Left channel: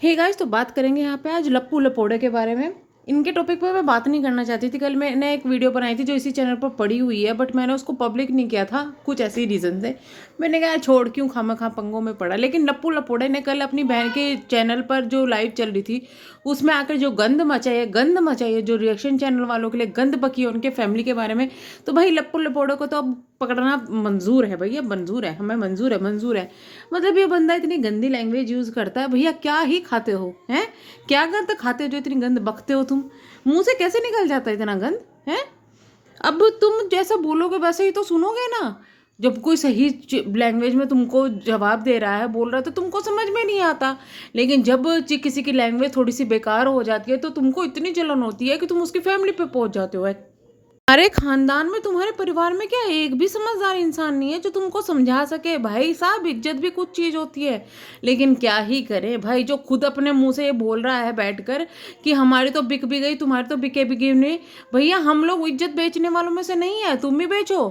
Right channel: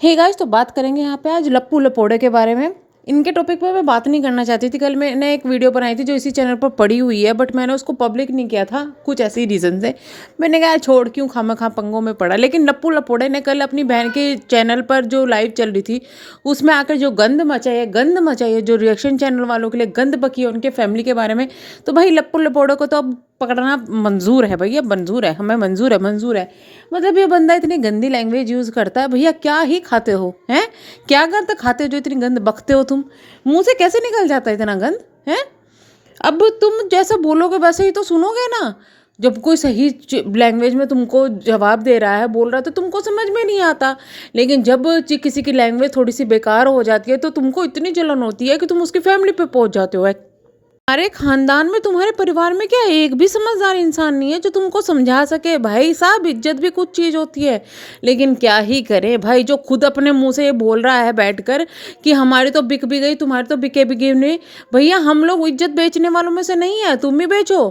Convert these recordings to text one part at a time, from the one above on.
Hey guys, तो बात करेंगे यहाँ पे आज लप्पू लपोड़े के बारे में। इनके टॉपिक पर मैं बात नहीं करना चाहती थी। कल मैंने एक वीडियो बनाई थी जो इसी चैनल पर पड़ी हुई है, बट मैंने उसको पब्लिक नहीं किया था कुछ ऐसे ही रीज़न से। मैंने कहा छोड़, क्यों खामखा पंगों में पड़ा। लेकिन लप्पू लपोड़े ने कल अपनी बहन के चैनल पर जो लाइव चल रही थी उसमें आकर जो गंद मचाई है, जो रिएक्शन चैनल वालों के लिए गंद बकी है उनके फैमिली के बारे में, तो भाई लप्पू लपोड़े को तो अब पकड़ना मंजूर है भैया, मंजूर है, हमें मंजूर है। मतलब ये बंदा इतनी गंदी लैंग्वेज यूज़ करता है। भैया क्या ही खाते हो हैं, क्या गंद खाते हो जो इतनी गंद बकते हो तुम? मुंह से कैसे निकल जाता है इतना गंद हैं? अब तुम जैसा बोलोगे वैसे ही तो सुनोगे ना। जब कोई सही लैंग्वेज में तुमको जवाब दे रहा है, बोल रहा है, तो तुमको समझ में नहीं आता। लेकिन जब किसी की लैंग्वेज थोड़ी सी बेकार हो जाती है तो तुमको इतनी जलन होती है कि तुम उसकी फैमिली पे पहुंच जाते हो। तुम्हारे खानदान में, तुम्हारे परिवार में क्या एक भी समझदार इंसान नहीं है जो तुमको समझा सके? भाई साहब, इज्जत भी कुछ चीज़ होती है। लेकिन क्या ही करें भाई, जो खुद अपने मुंह से ये बोल रहा है बैठकर कि हमारी तो बिक भी गई, तुम्हारी तो बिके बिके नहीं। भैया हम लोग इज्जत बेचने वालों में से नहीं है, तुम ही बेचो,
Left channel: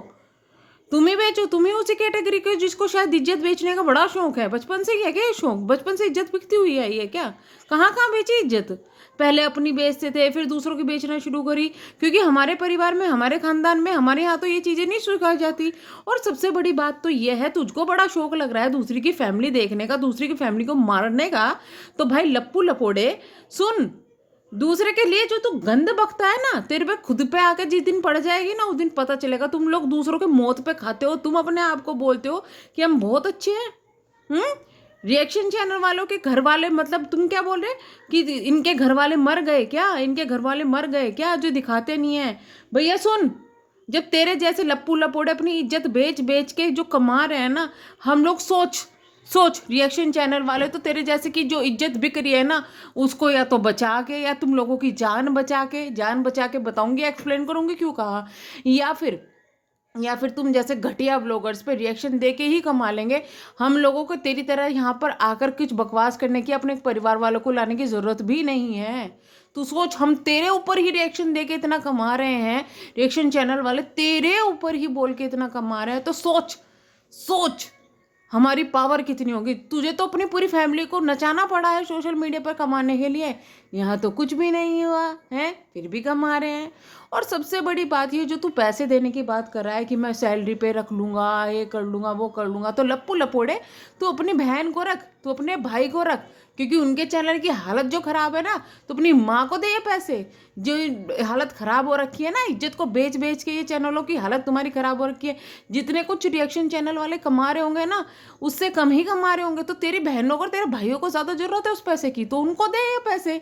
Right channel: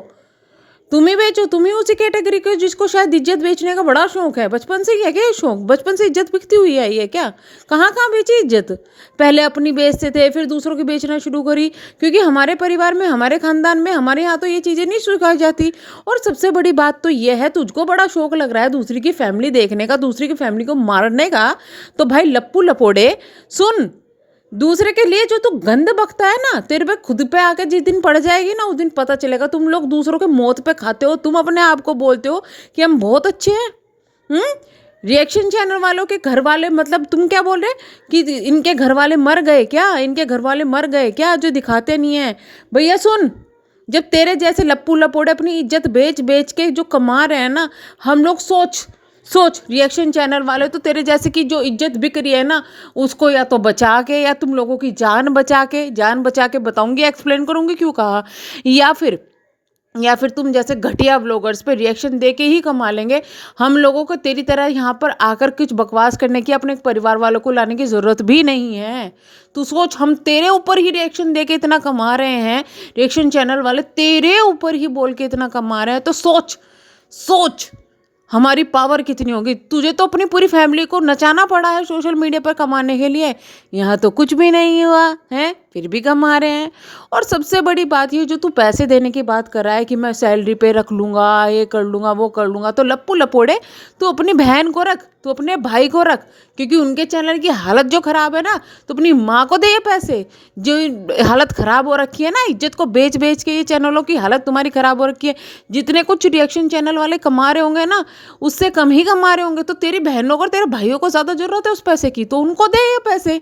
तुम ही बेचो। तुम ही उसी कैटेगरी के जिसको शायद इज्जत बेचने का बड़ा शौक है। बचपन से ही है क्या ये शौक? बचपन से इज्जत बिकती हुई आई है क्या? कहाँ कहाँ बेची इज्जत? पहले अपनी बेचते थे, फिर दूसरों की बेचना शुरू करी, क्योंकि हमारे परिवार में, हमारे खानदान में, हमारे यहाँ तो ये चीज़ें नहीं सिखाई जाती। और सबसे बड़ी बात तो ये है, तुझको बड़ा शौक लग रहा है दूसरी की फैमिली देखने का, दूसरी की फैमिली को मारने का, तो भाई लप्पू लपोड़े सुन। दूसरे के लिए जो तू गंद बकता है ना, तेरे पे खुद पे आके जिस दिन पड़ जाएगी ना, उस दिन पता चलेगा। तुम लोग दूसरों के मौत पे खाते हो, तुम अपने आप को बोलते हो कि हम बहुत अच्छे हैं। रिएक्शन चैनल वालों के घर वाले, मतलब तुम क्या बोल रहे कि इनके घर वाले मर गए क्या? इनके घर वाले मर गए क्या, जो दिखाते नहीं है? भैया सुन, जब तेरे जैसे लप्पू लपोड़े अपनी इज्जत बेच बेच के जो कमा रहे हैं ना, हम लोग सोच सोच, रिएक्शन चैनल वाले तो तेरे जैसे की जो इज्जत बिक रही है ना, उसको या तो बचा के, या तुम लोगों की जान बचा के बताऊंगी, एक्सप्लेन करूंगी क्यों कहा, या फिर तुम जैसे घटिया ब्लॉगर्स पे रिएक्शन दे के ही कमा लेंगे। हम लोगों को तेरी तरह यहाँ पर आकर कुछ बकवास करने की, अपने परिवार वालों को लाने की ज़रूरत भी नहीं है। तू सोच, हम तेरे ऊपर ही रिएक्शन दे के इतना कमा रहे हैं, रिएक्शन चैनल वाले तेरे ऊपर ही बोल के इतना कमा रहे हैं, तो सोच सोच हमारी पावर कितनी होगी। तुझे तो अपनी पूरी फैमिली को नचाना पड़ा है सोशल मीडिया पर कमाने के लिए। यहाँ तो कुछ भी नहीं हुआ है, फिर भी कमा रहे हैं। और सबसे बड़ी बात ये, जो तू पैसे देने की बात कर रहा है कि मैं सैलरी पे रख लूँगा, ये कर लूँगा, वो कर लूँगा, तो लप्पू लपोड़े तू अपनी बहन को रख, तू अपने भाई को रख, क्योंकि उनके चैनल की हालत जो ख़राब है ना, तो अपनी माँ को दे ये पैसे। जो हालत ख़राब हो रखी है ना, इज्जत को बेच बेच के ये चैनलों की हालत तुम्हारी ख़राब हो रखी है। जितने कुछ रिएक्शन चैनल वाले कमा रहे होंगे ना, उससे कम ही कमा रहे होंगे। तो तेरी बहनों को और तेरे भाइयों को ज़्यादा ज़रूरत है उस पैसे की, तो उनको दे ये पैसे।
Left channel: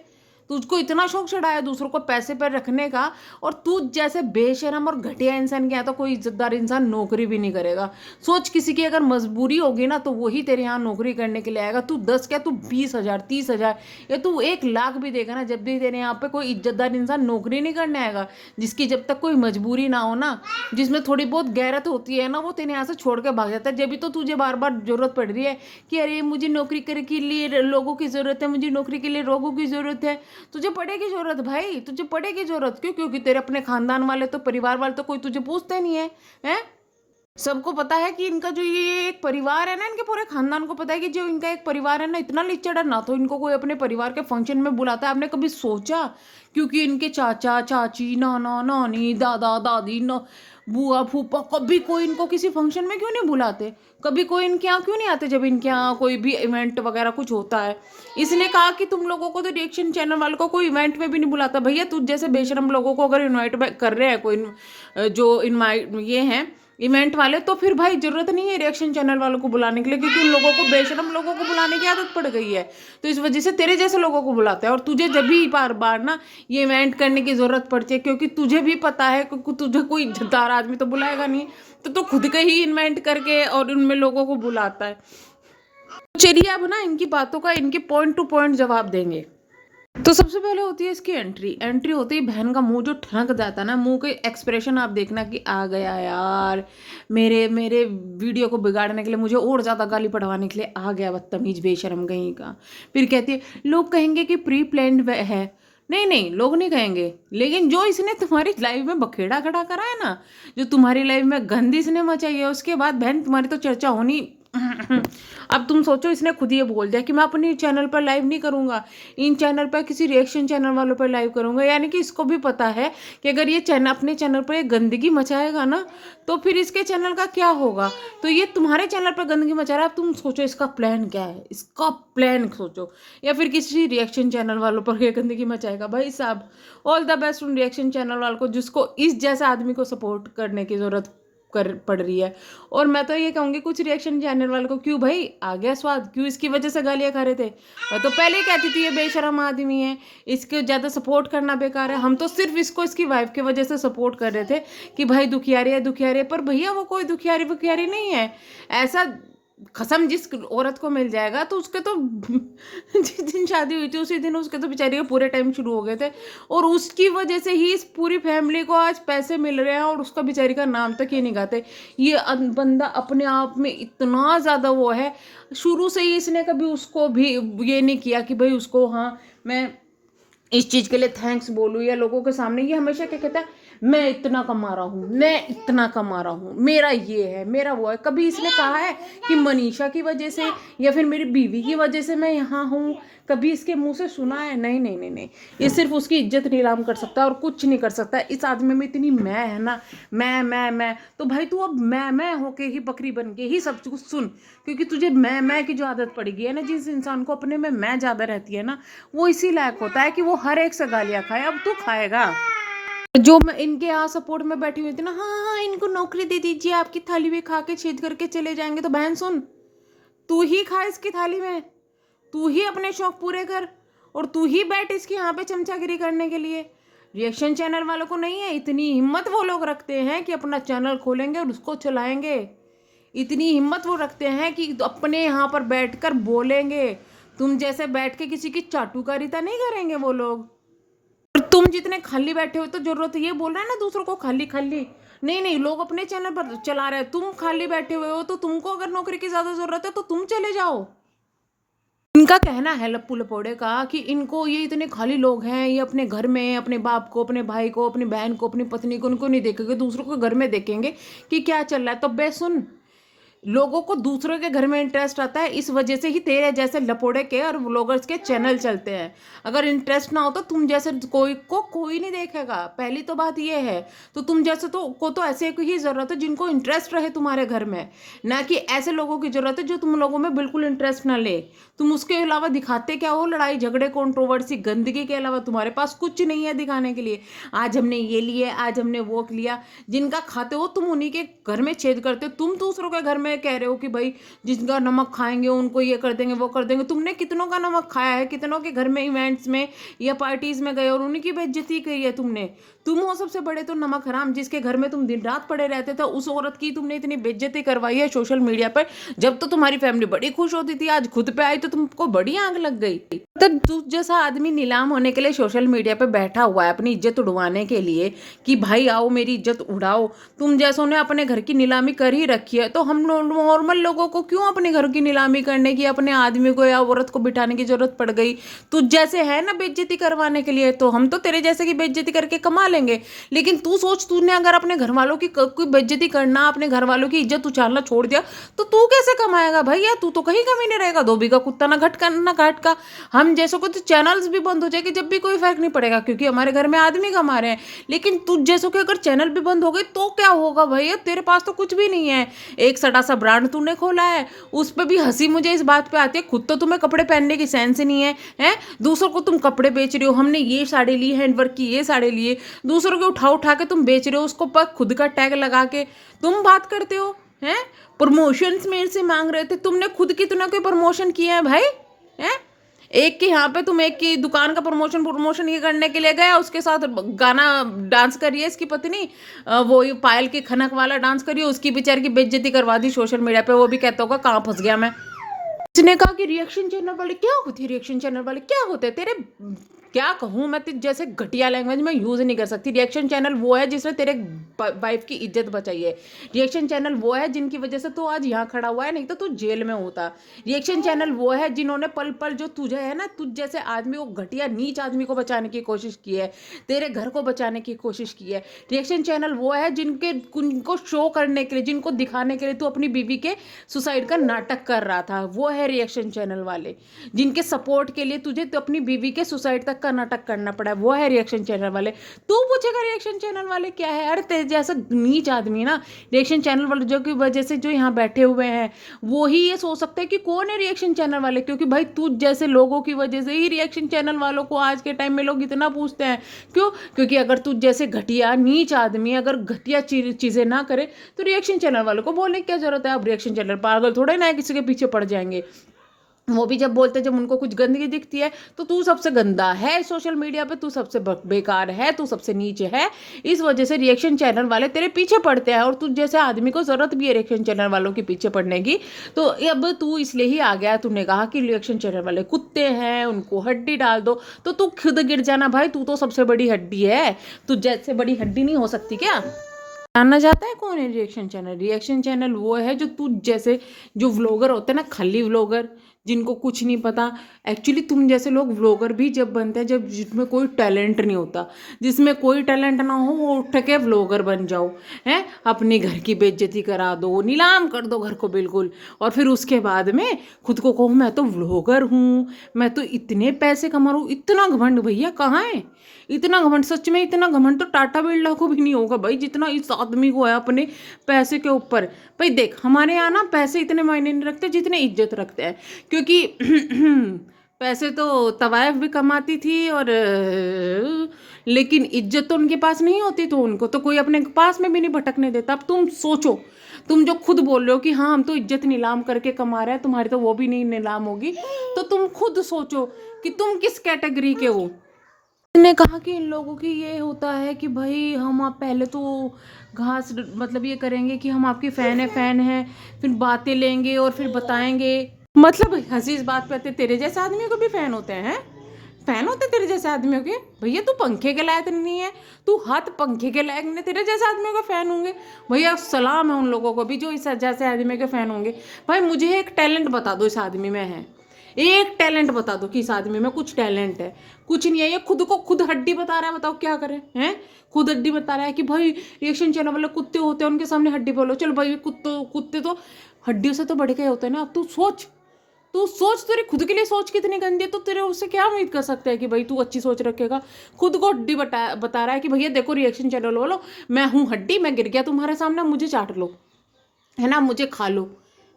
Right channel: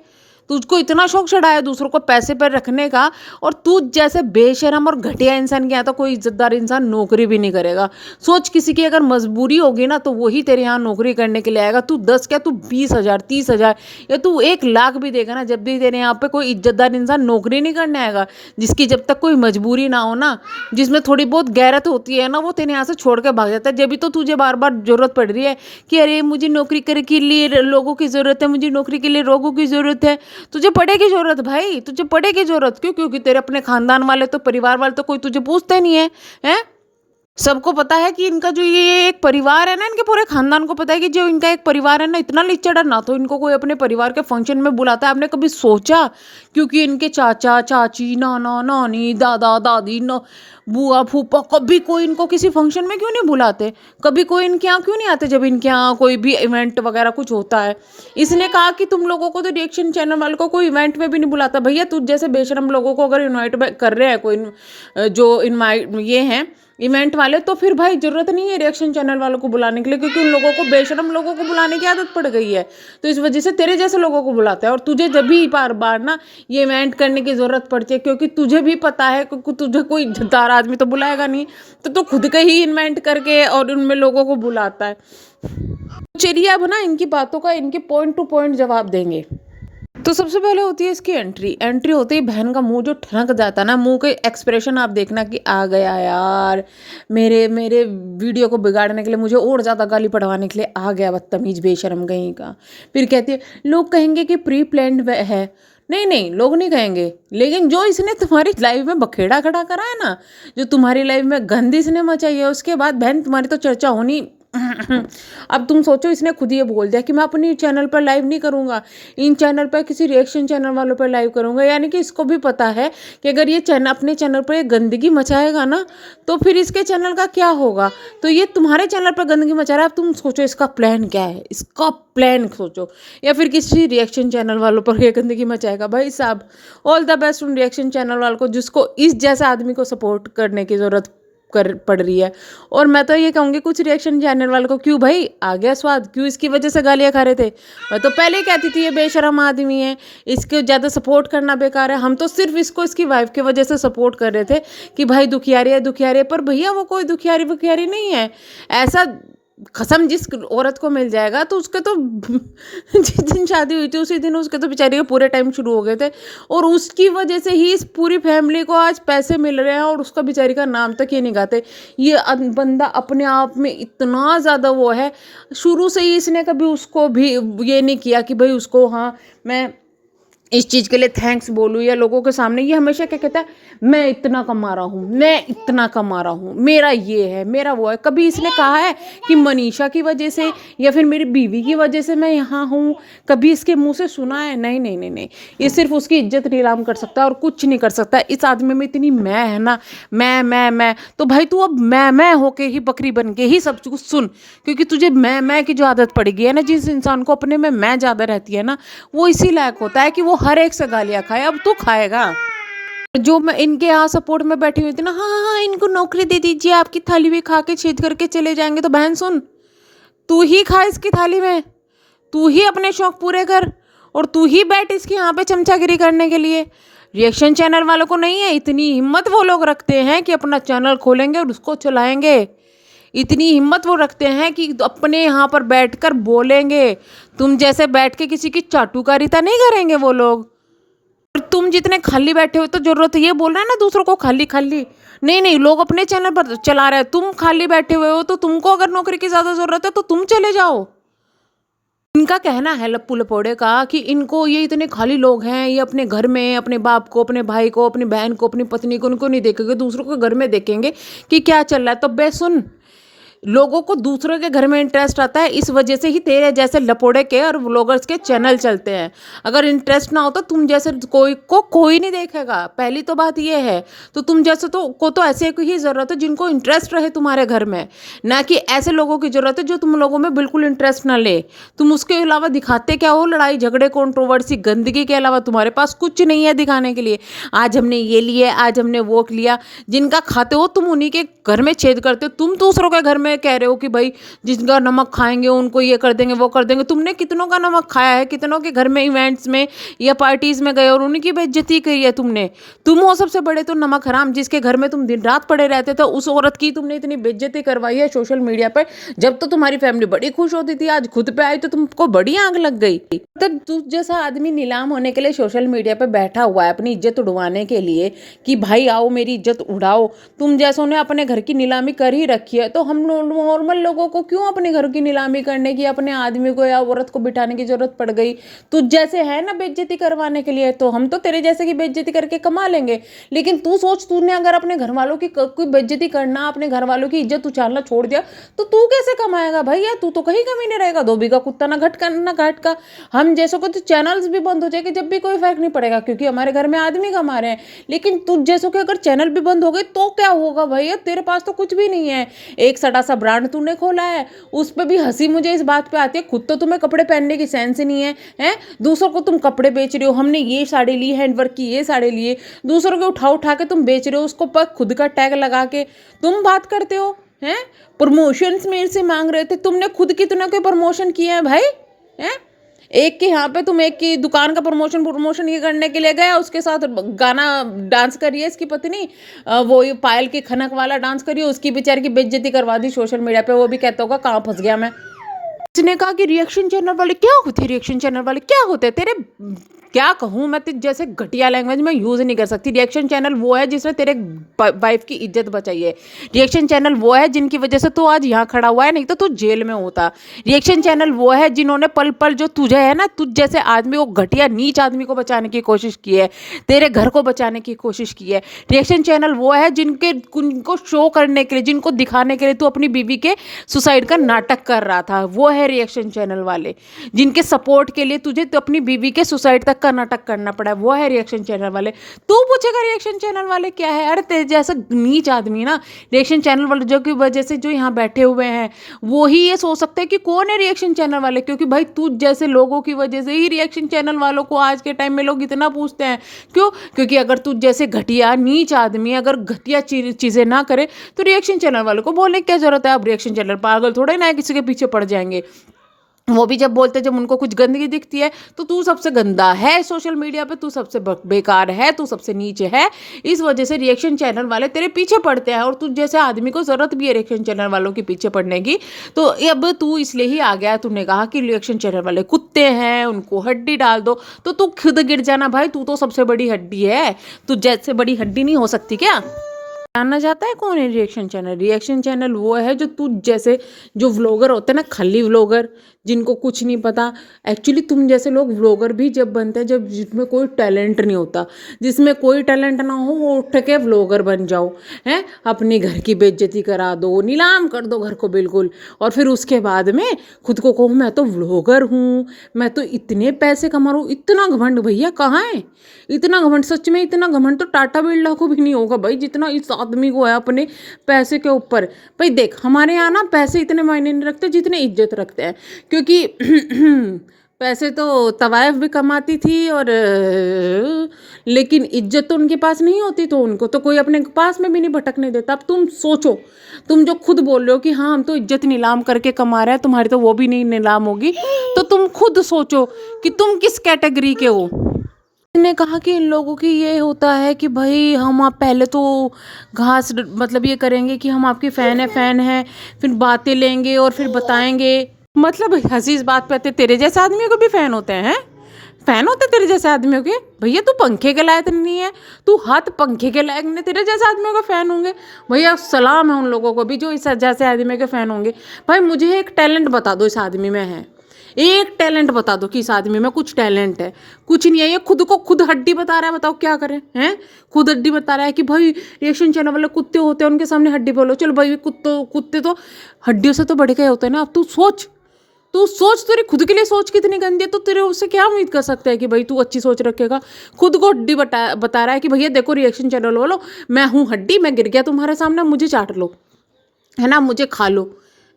तुझको इतना शौक चढ़ा है दूसरों को पैसे पर रखने का, और तू जैसे बेशरम और घटिया इंसान के यहाँ तो कोई इज्जतदार इंसान नौकरी भी नहीं करेगा। सोच, किसी की अगर मजबूरी होगी ना, तो वही तेरे यहाँ नौकरी करने के लिए आएगा। तू 10 क्या, तू 20,000, 30,000 या तू 1 लाख भी देगा ना, जब भी तेरे यहाँ पे कोई इज्जतदार इंसान नौकरी नहीं करने आएगा। जिसकी जब तक कोई मजबूरी ना हो ना, जिसमें थोड़ी बहुत गैरत होती है ना, वो तेरे यहाँ से छोड़ के भाग जाता है। जब भी तो तुझे बार बार जरूरत पड़ रही है कि अरे मुझे नौकरी करने के लिए लोगों की ज़रूरत है, मुझे नौकरी के लिए लोगों की ज़रूरत है। तुझे पड़ेगी जरूरत भाई, तुझे पड़ेगी जरूरत। क्यों? क्योंकि तेरे अपने खानदान वाले तो, परिवार वाले तो कोई तुझे पूछते नहीं है, हैं? सबको पता है कि इनका जो ये एक परिवार है ना, इनके पूरे खानदान को पता है कि जो इनका एक परिवार है ना, इतना लिच्चड़ ना तो इनको कोई अपने परिवार के फंक्शन में बुलाता है। आपने कभी सोचा? क्योंकि इनके चाचा चाची, नाना नानी, दादा दादी, बुआ फूफा, कभी कोई इनको किसी फंक्शन में क्यों नहीं बुलाते? कभी कोई इनके यहाँ क्यों नहीं आते जब इनके यहाँ कोई भी इवेंट वगैरह कुछ होता है? इसने कहा कि तुम लोगों को तो रिएक्शन चैनल वालों को कोई इवेंट में भी नहीं बुलाता। भैया तुझ जैसे बेशरम लोगों को अगर इन्वाइट कर रहे हैं कोई, जो इनवाइट ये हैं इवेंट वाले, तो फिर भाई जरूरत नहीं है रिएक्शन चैनल वालों को बुलाने के लिए, क्योंकि उन लोगों को, बेशरम लोगों को बुलाने की आदत पड़ गई है। तो इस वजह से तेरे जैसे लोगों को बुलाते हैं। और तुझे जब भी बार बार ना ये इवेंट करने की जरूरत पड़ती है, क्योंकि तुझे भी पता है कि तुझे कोई इज्जतदार आदमी तो बुलाएगा नहीं, तो तू खुद का ही इन्वेंट करके और उनमें लोगों को बुलाता है। चलिए अब ना इनकी बातों का, इनके पॉइंट टू पॉइंट जवाब देंगे। तो सबसे पहले होती है इसकी एंट्री होती है बहन का मुंह जो ठनक जाता है ना, मुंह के एक्सप्रेशन आप देखना कि आ गया यार, मेरे मेरे वीडियो को बिगाड़ने के लिए, मुझे और ज़्यादा गाली पढ़वाने के लिए आ गया, बदतमीज बेशरम कहीं का। फिर कहती है लोग कहेंगे कि प्री प्लान्ड है। नहीं नहीं, लोग नहीं कहेंगे, लेकिन जो इसने तुम्हारी लाइफ में बखेड़ा खड़ा करा है ना, जो तुम्हारी लाइफ में गंदी इसने मचाई है, उसके बाद बहन तुम्हारी तो चर्चा होनी अब तुम सोचो, इसने खुद ये बोल दिया कि मैं अपनी चैनल पर लाइव नहीं करूँगा, इन चैनल पर किसी रिएक्शन चैनल वालों पर लाइव करूँगा। यानी कि इसको भी पता है कि अगर ये चैनल अपने चैनल पर ये गंदगी मचाएगा ना, तो फिर इसके चैनल का क्या होगा। तो ये तुम्हारे चैनल पर गंदगी मचा रहा है। अब तुम सोचो इसका प्लान क्या है, इसका प्लान सोचो। या फिर किसी रिएक्शन चैनल वालों पर ये गंदगी मचाएगा। भाई साहब, ऑल द बेस्ट उन रिएक्शन चैनल वालों को जिसको इस जैसे आदमी को सपोर्ट करने की ज़रूरत कर पड़ रही है। और मैं तो ये कहूँगी कुछ रिएक्शन चैनल वालों को, क्यों भाई आ गया स्वाद, क्यों इसकी वजह से गालियाँ खा रहे थे। मैं तो पहले ही कहती थी ये बेशरम आदमी है, इसको ज़्यादा सपोर्ट करना बेकार है। हम तो सिर्फ इसको इसकी वाइफ की वजह से सपोर्ट कर रहे थे कि भाई दुखियारी है दुखियारी है, पर भैया वो कोई दुखियारी वुखियारी नहीं है। ऐसा कसम जिस औरत को मिल जाएगा तो उसके तो जिस दिन शादी हुई थी उसी दिन उसके तो बेचारे के पूरे टाइम शुरू हो गए थे, और उसकी वजह से ही इस पूरी फैमिली को आज पैसे मिल रहे हैं और उसका बेचारी का नाम तक ही नहीं गाते। ये बंदा अपने आप में इतना ज़्यादा वो है, शुरू से ही इसने कभी उसको भी ये नहीं किया कि भाई उसको, हाँ मैं इस चीज़ के लिए थैंक्स बोलूँ या लोगों के सामने। ये हमेशा क्या कहता है, मैं इतना कमा रहा हूँ, मैं इतना कमा रहा हूँ, मेरा ये है, मेरा वो है। कभी इसने कहा है कि मनीषा की वजह से या फिर मेरी बीवी की वजह से मैं यहाँ हूँ, कभी इसके मुंह से सुना है? नहीं नहीं नहीं नहीं। ये सिर्फ उसकी इज्जत नीलाम कर सकता है और कुछ नहीं कर सकता। इस आदमी में इतनी मैं है ना, मैं तो भाई तू अब मैं होके ही बकरी बन के ही सब कुछ सुन, क्योंकि तुझे मैं की जो आदत पड़ गई है ना, जिस इंसान को अपने में मैं ज़्यादा रहती है ना, वो इसी लायक होता है कि वो हर एक से गालियाँ खाए। अब तू खाएगा। जो मैं इनके यहाँ सपोर्ट में बैठी हुई थी ना, हाँ हाँ इनको नौकरी दे दीजिए, आपकी थाली भी खा के छेद करके चले जाएंगे। तो बहन सुन, तू ही खा इसकी थाली में, तू ही अपने शौक पूरे कर, और तू ही बैठ इसके यहाँ पे चमचागिरी करने के लिए। रिएक्शन चैनल वालों को नहीं है इतनी हिम्मत, वो लोग रखते हैं कि अपना चैनल खोलेंगे और उसको चलाएंगे। इतनी हिम्मत वो रखते हैं कि अपने यहाँ पर बैठकर बोलेंगे। तुम जैसे बैठ के किसी की चाटुकारिता नहीं करेंगे वो लोग। और तुम जितने खाली बैठे हो, तो जरूरत ये बोल रहा है ना दूसरों को खाली खाली, नहीं नहीं, लोग अपने चैनल पर चला रहे हैं, तुम खाली बैठे हुए हो। तो तुमको अगर नौकरी की ज़्यादा ज़रूरत है तो तुम चले जाओ। इनका कहना है लप्पू लपोड़े का कि इनको ये इतने खाली लोग हैं, ये अपने घर में अपने बाप को, अपने भाई को, अपनी बहन को, अपनी पत्नी को, उनको नहीं देखेंगे, दूसरों के घर में देखेंगे कि क्या चल रहा है। तो बे सुन, लोगों को दूसरों के घर में इंटरेस्ट आता है, इस वजह से ही तेरे जैसे लपोड़े के और व्लॉगर्स के चैनल चलते हैं। अगर इंटरेस्ट ना हो तो तुम जैसे कोई नहीं देखेगा, पहली तो बात ये है। तो तुम जैसे तो ऐसे की ही ज़रूरत है जिनको इंटरेस्ट रहे तुम्हारे घर में, ना कि ऐसे लोगों की ज़रूरत है जो तुम लोगों में बिल्कुल इंटरेस्ट ना ले। तुम उसके अलावा दिखाते क्या हो? लड़ाई झगड़े, कंट्रोवर्सी, गंदगी के अलावा तुम्हारे पास कुछ नहीं है दिखाने के लिए। आज हमने ये लिया, आज हमने वो लिया, जिनका खाते हो तुम उन्हीं के घर में छेद करते हो। तुम दूसरों के घर में कह रहे हो कि भाई जिसका नमक खाएंगे उनको ये कर देंगे वो कर देंगे। तुमने कितनों का नमक खाया है, कितनों के घर में इवेंट्स में या पार्टीज में गए और उनकी बेइज्जती की है तुमने। तुम हो सबसे बड़े तो नमक हराम, जिसके घर में तुम दिन रात पड़े रहते थे, उस औरत की तुमने इतनी बेइज्जती करवाई है सोशल मीडिया पर। जब तो तुम्हारी फैमिली बड़ी खुश होती थी, आज खुद पे आई तो तुमको बड़ी आग लग गई। तब तू जैसा आदमी नीलाम होने के लिए सोशल मीडिया पर बैठा हुआ है अपनी इज्जत उड़वाने के लिए कि भाई आओ मेरी इज्जत उड़ाओ, तुम जैसों ने अपने घर की नीलामी कर ही रखी है। तो हम नॉर्मल लोगों को क्यों अपने घर की नीलामी करने की, अपने आदमी को या औरत को बिठाने की जरूरत पड़ गई? तुझ जैसे है ना बेइज्जती करवाने के लिए, तो हम तो तेरे जैसे की बेइज्जती करके कमा लेंगे। लेकिन तू सोच, तूने अगर अपने घर वालों की कोई बेइज्जती करना, अपने घर वालों की इज्जत उछालना छोड़ दिया तो तू कैसे कमाएगा भैया? तू तो कहीं कमी नहीं रहेगा, धोबी का कुत्ता ना घट ना घाट का। हम जैसों को तो चैनल्स भी बंद हो जाएंगे जब भी कोई फर्क नहीं पड़ेगा, क्योंकि हमारे घर में आदमी कमा रहे हैं। लेकिन तुझ जैसों के अगर चैनल भी बंद हो गए तो क्या होगा भैया? तेरे पास तो कुछ भी नहीं है। एक सड़ा सा ब्रांड तूने खोला है, उस पर भी हंसी मुझे इस बात पे आती है, खुद तो तुम्हें कपड़े पहनने की सेंस ही नहीं है, हैं? दूसरों को तुम कपड़े बेच रहे हो, हमने ये साड़ी ली, हैंडवर्क की ये साड़ी लिए, दूसरों के उठा उठा के तुम बेच रहे हो, उसको पर खुद का टैग लगा के तुम बात करते हो, हैं? प्रमोशंस मेरे से मांग रहे थे, तुमने खुद कितना कोई प्रमोशन किया है भाई? हैं? एक के यहाँ पे तुम एक की दुकान का प्रमोशन ये करने के लिए गया, उसके साथ गाना डांस करिए इसकी पत्नी, वो ये पायल की खनक वाला डांस करिए, उसकी बेचारी की बेइज्जती करवा दी सोशल मीडिया पे। वो भी कहता होगा कहाँ फंस गया मैं। उसने कहा कि रिएक्शन चैनल वाले क्या होते हैं, रिएक्शन चैनल वाले क्या होते हैं? तेरे क्या कहूँ मैं, जैसे घटिया लैंग्वेज में यूज़ नहीं कर सकती। रिएक्शन चैनल वो है जिसने तेरे वाइफ की इज्जत बचाई है। रिएक्शन चैनल वो है जिनकी वजह से तू आज यहाँ खड़ा हुआ है, नहीं तो तू जेल में होता। रिएक्शन चैनल वो है जिन्होंने पल पल जो तुझे है ना, तुझ जैसे आदमी को, घटिया नीच आदमी को बचाने की कोशिश की है, तेरे घर को बचाने की कोशिश की है। रिएक्शन चैनल वो है उनको शो करने के लिए, जिनको दिखाने के लिए तू अपनी बीवी के सुसाइड का नाटक कर रहा था, वो है रिएक्शन चैनल वाले। जिनके सपोर्ट के लिए तुझे तो अपनी बीवी के सुसाइड तक का नाटक करना पड़ा, वो है रिएक्शन चैनल वाले। तू पूछेगा रिएक्शन चैनल वाले क्या है? अरे तेरे जैसा नीच आदमी ना, रिएक्शन चैनल वाले जो की वजह से जो यहाँ बैठे हुए हैं वो ही ये सोच सकते हैं कि कौन है रिएक्शन चैनल वाले, क्योंकि भाई तू जैसे लोगों की वजह से ही रिएक्शन चैनल वालों को आज के टाइम में लोग इतना पूछते हैं। क्यों? क्योंकि अगर तू जैसे घटिया नीच आदमी अगर घटिया चीज़ें ना करे तो रिएक्शन चैनल वालों को बोलने की क्या जरूरत है? अब रिएक्शन चैनल पागल थोड़े ना है किसी के पीछे पड़ जाएंगे। वो भी जब बोलते, जब उनको कुछ गंदगी दिखती है तो तू सबसे गंदा है सोशल मीडिया पे, तू सबसे बेकार है, तू सबसे नीचे है। इस वजह से रिएक्शन चैनल वाले तेरे पीछे पड़ते हैं, और तू जैसे आदमी को ज़रूरत भी है रिएक्शन चैनल वालों के पीछे पड़ने की। तो अब तू इसलिए ही आ गया, तूने कहा कि रिएक्शन चैनल वाले कुत्ते हैं, उनको हड्डी डाल दो। तो तू खुद गिर जाना भाई, तू तो सबसे बड़ी हड्डी है, तू जैसे बड़ी हड्डी नहीं हो सकती क्या? जानना चाहता है कौन है रिएक्शन चैनल? रिएक्शन चैनल वो है जो तू जैसे जो व्लॉगर होते हैं ना, खली व्लॉगर, जिनको कुछ नहीं पता। एक्चुअली तुम जैसे लोग व्लॉगर भी जब बनते हैं जब जिसमें कोई टैलेंट नहीं होता, जिसमें कोई टैलेंट ना हो, वो उठ के व्लॉगर बन जाओ, हैं, अपने घर की बेइज्जती करा दो, नीलाम कर दो घर को बिल्कुल, और फिर उसके बाद में खुद को कहो मैं तो व्लॉगर हूँ, मैं तो इतने पैसे कमा रहा हूँ। इतना घमंड भैया कहाँ है? इतना घमंड, सच में इतना घमंड तो टाटा बिरला को भी नहीं होगा भाई, जितना इस आदमी को है अपने पैसे के ऊपर। भाई देख, हमारे यहाँ ना पैसे इतने मायने नहीं रखते जितने इज्जत रखते हैं, क्योंकि पैसे तो तवायफ भी कमाती थी, और लेकिन इज्जत तो उनके पास नहीं होती, तो उनको तो कोई अपने पास में भी नहीं भटकने देता। अब तुम सोचो, तुम जो खुद बोल रहे हो कि हाँ हम तो इज्जत नीलाम करके कमा रहे हैं, तुम्हारी तो वो भी नहीं नीलाम होगी, तो तुम खुद सोचो कि तुम किस कैटेगरी के हो। ने कहा कि इन लोगों की ये होता है कि भाई हम आप पहले तो घास मतलब ये करेंगे कि हम आपकी फ़ैन है, फिर बातें लेंगे और फिर बताएंगे। मतलब हंसी इस बात पे आते, तेरे जैसे आदमियों को भी फ़ैन होते हैं? फ़ैन होते तेरे जैसे आदमियों के? भैया तू पंखे के लायक नहीं है, तू हाथ पंखे के लायक नहीं, तेरे जैसे आदमियों का फ़ैन होंगे। भैया सलाम है उन लोगों को भी जो इस जैसे आदमी के फ़ैन होंगे। भाई मुझे एक टैलेंट बता दो इस आदमी में है, एक टैलेंट बता दो कि इस आदमी में कुछ टैलेंट है। कुछ नहीं है, ये खुद को खुद हड्डी बता रहा है, बताओ क्या करें? हैं, खुद हड्डी बता रहा है कि भाई रिएक्शन चैनल वाले कुत्ते होते हैं, उनके सामने हड्डी बोलो। चलो भाई कुत्ते तो हड्डियों से तो बढ़ गए होते हैं ना। अब तू सोच तेरी खुद के लिए सोच कितनी गंदी है, तो तेरे उससे क्या उम्मीद कर सकता है कि भाई तू अच्छी सोच रखेगा? खुद को हड्डी बता रहा है कि भैया देखो रिएक्शन चैनल वालों, मैं हूँ हड्डी, मैं गिर गया तुम्हारे सामने, मुझे चाट लो, है ना, मुझे खा लो,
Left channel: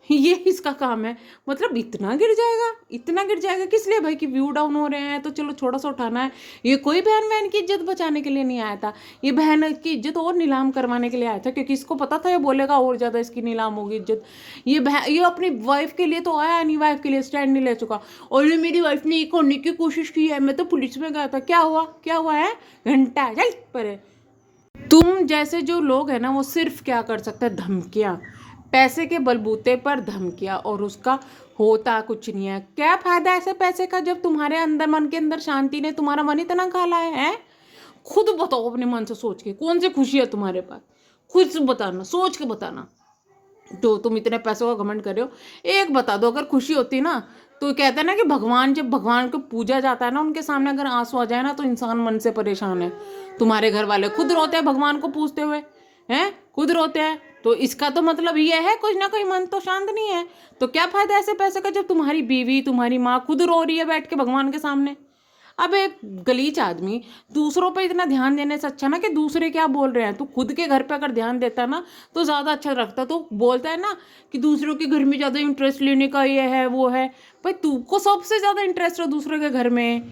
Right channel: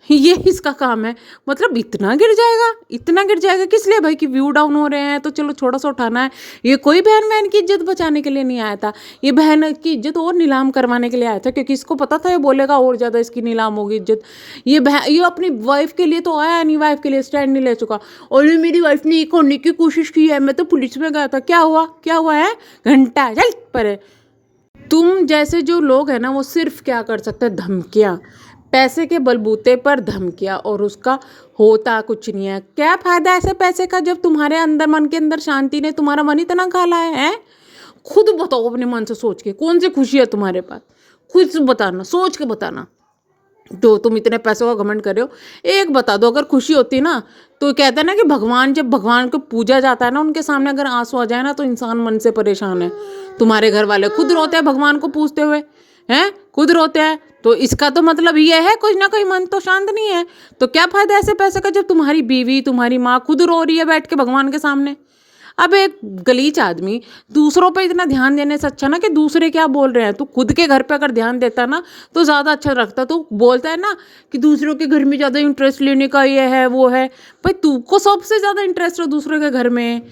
ये इसका काम है। मतलब इतना गिर जाएगा, इतना गिर जाएगा किस लिए भाई? कि व्यू डाउन हो रहे हैं तो चलो थोड़ा सा उठाना है। ये कोई बहन की इज्जत बचाने के लिए नहीं आया था, ये बहन की इज्जत और नीलाम करवाने के लिए आया था, क्योंकि इसको पता था ये बोलेगा और ज़्यादा इसकी नीलाम होगी इज्जत। ये अपनी वाइफ के लिए तो आया नहीं, वाइफ के लिए स्टैंड नहीं ले चुका। और ये मेरी वाइफ ने ये करने की कोशिश की है, मैं तो पुलिस में गया था, क्या हुआ है? घंटा चल पर। तुम जैसे जो लोग हैं ना, वो सिर्फ क्या कर सकते हैं? धमकियाँ, पैसे के बलबूते पर धमकियाँ, और उसका होता कुछ नहीं है। क्या फ़ायदा ऐसे पैसे का जब तुम्हारे अंदर, मन के अंदर शांति ने तुम्हारा मन इतना काला है? खुद बताओ अपने मन से सोच के, कौन सी खुशी है तुम्हारे पास? खुद बताना, सोच के बताना। तो तुम इतने पैसों का घमंड कर रहे हो, एक बता दो, अगर खुशी होती ना तो कहते हैं ना कि भगवान, जब भगवान को पूजा जाता है ना, उनके सामने अगर आंसू आ जाए ना तो इंसान मन से परेशान है। तुम्हारे घर वाले खुद रोते हैं भगवान को पूजते हुए, हैं, खुद रोते हैं, तो इसका तो मतलब ये है कुछ ना कोई मन तो शांत नहीं है। तो क्या फायदा ऐसे पैसे का जब तुम्हारी बीवी, तुम्हारी माँ खुद रो रही है बैठ के भगवान के सामने? अब एक गलीच आदमी दूसरों पे इतना ध्यान देने से अच्छा ना कि दूसरे क्या बोल रहे हैं, तो खुद के घर पे अगर ध्यान देता ना तो ज़्यादा अच्छा रखता। तो बोलता है ना कि दूसरों के घर में ज़्यादा इंटरेस्ट लेने का ये है वो है। भाई तुमको सबसे ज़्यादा इंटरेस्ट है दूसरों के घर में,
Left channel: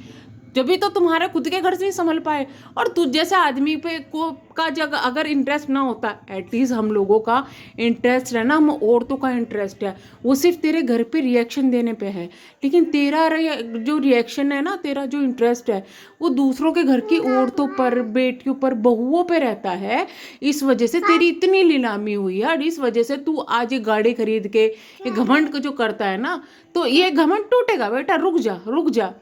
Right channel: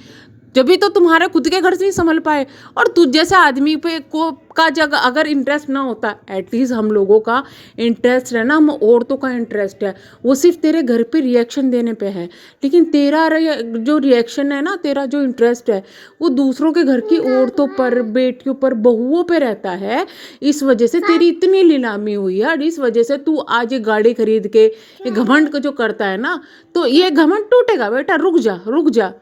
जब भी तो तुम्हारे खुद के घर से नहीं संभल पाए। और तुझ जैसे आदमी पे को का जगह अगर इंटरेस्ट ना होता, एटलीस्ट हम लोगों का इंटरेस्ट है ना, हम औरतों का इंटरेस्ट है वो सिर्फ तेरे घर पे रिएक्शन देने पे है, लेकिन तेरा जो रिएक्शन है ना, तेरा जो इंटरेस्ट है वो दूसरों के घर की औरतों पर, बेटियों पर, बहुओं पे रहता है। इस वजह से तेरी इतनी नीलामी हुई है, और इस वजह से तू आज ये गाड़ी खरीद के ये घमंड को जो करता है ना, तो ये घमंड टूटेगा बेटा। रुक जा,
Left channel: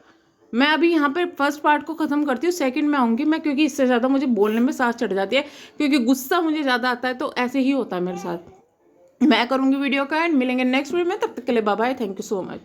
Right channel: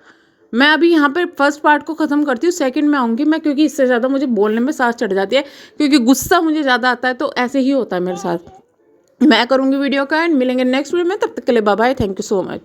मैं अभी यहाँ पे फर्स्ट पार्ट को ख़त्म करती हूँ, सेकंड में आऊँगी मैं, क्योंकि इससे ज़्यादा मुझे बोलने में सांस चढ़ जाती है, क्योंकि गुस्सा मुझे ज़्यादा आता है, तो ऐसे ही होता है मेरे साथ। मैं करूँगी वीडियो का एंड, मिलेंगे नेक्स्ट वीडियो में, तब तक के लिए bye bye, thank you so much.